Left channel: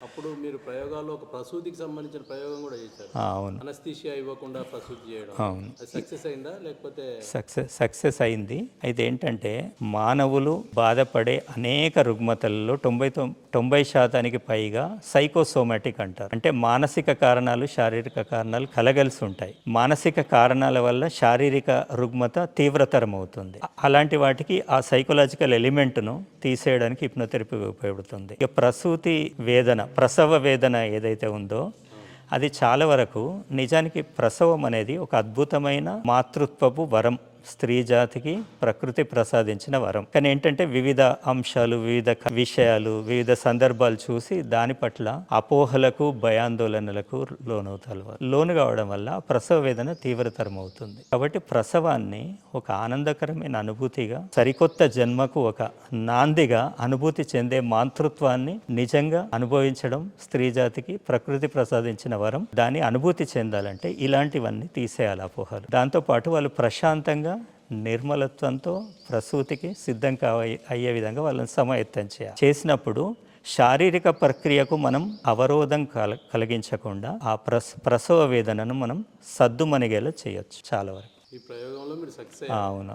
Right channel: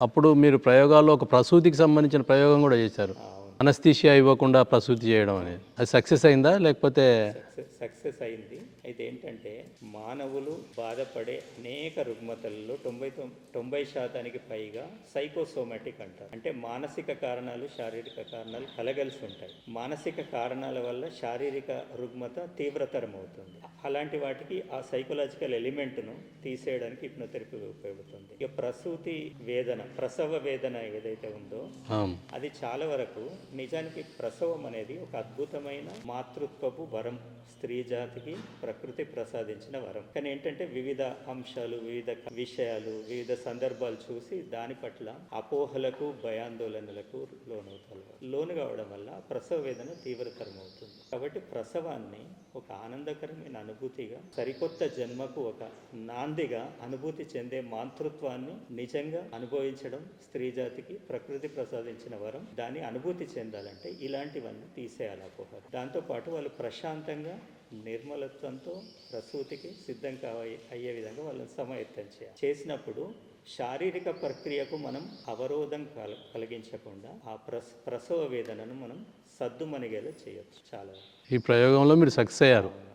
అప్పుడు మీరు ప్రయోగాల్లో ఒక ప్రసూతికి సంబంధించిన ప్రయోగం గూడా చేశారు. అవును. అనస్థీషియా ఇవ్వకుండా ప్రసూతి చేయడం అనేది. అది సక్సెస్ అయిందా? లేకపోతే సక్సెస్ అయింది. అయితే ఏంటంటే మానవులు బాధపడే అనేక రుగ్మతలలో 90% పైగా సైకోసోమాటిక్ అంటారు. అంటే మానసిక కారణాలు, శారీరక కారణాలు కలగలిసి ఉంటాయి. మానసిక కారణాల వల్ల శారీరక రుగ్మత తీవ్రతరం అవుతుంది. అలాంటి వాటికి ఆ సైకలాజికల్ ఎలిమెంట్ను తీసేయడానికి హిప్నోథెరపీ ఉపయోగపడుతుంది. ఇక ప్రసూతి వేదన, ప్రసవ వేదన ఏదైతే ఉందో అవును. అది చాలా వరకు నిజానికి ప్రసవం అనేది ఒక అద్భుతమైన మాతృత్వపు వరం. స్త్రీ జాతికి ప్రకృతి ప్రసాదించిన వరం. కానీ ఏంటంటే వివిధ అంశాలు, వివిధ విషయాలు, వివిధ సందర్భాలు చూసి దాని పట్ల అపోహలకు, భయాందోళనలకు లోను కావడం వల్ల ప్రసవ వేదన తీవ్రతరం అవుతుంది. కాబట్టి ప్రసవాన్ని ఒక ఆనందకరమైన అనుభూతిగా, సరికొత్త జన్మకు ఒక నాందిగా అనుభూతి చెందే మాతృత్వాన్ని నిజంగా అనుభవించడం స్త్రీ జాతికి ప్రకృతి ప్రసాదించిన వరం. దాన్ని అనుభూతి చెందాలంటే ఇలాంటివన్నీ తీసేయాలి అపోహలు. దాంతోపాటు వాళ్ళు ప్రశాంతంగా నిర్మలత్వంతో ప్రసూతికి సిద్ధం అయ్యే విధంగా వాళ్ళని సమాయత్తం చేసినప్పుడు శారీరక ప్రక్రియకు మనం అవరోధం కలిగించకుండా ఆ ప్రసవ వేదనను మనం సద్దుమణిగేలా చేయొచ్చు చాలా వరకు. ఈ ప్రయోగంలో మీరు సక్సెస్ అయ్యారు. అవును.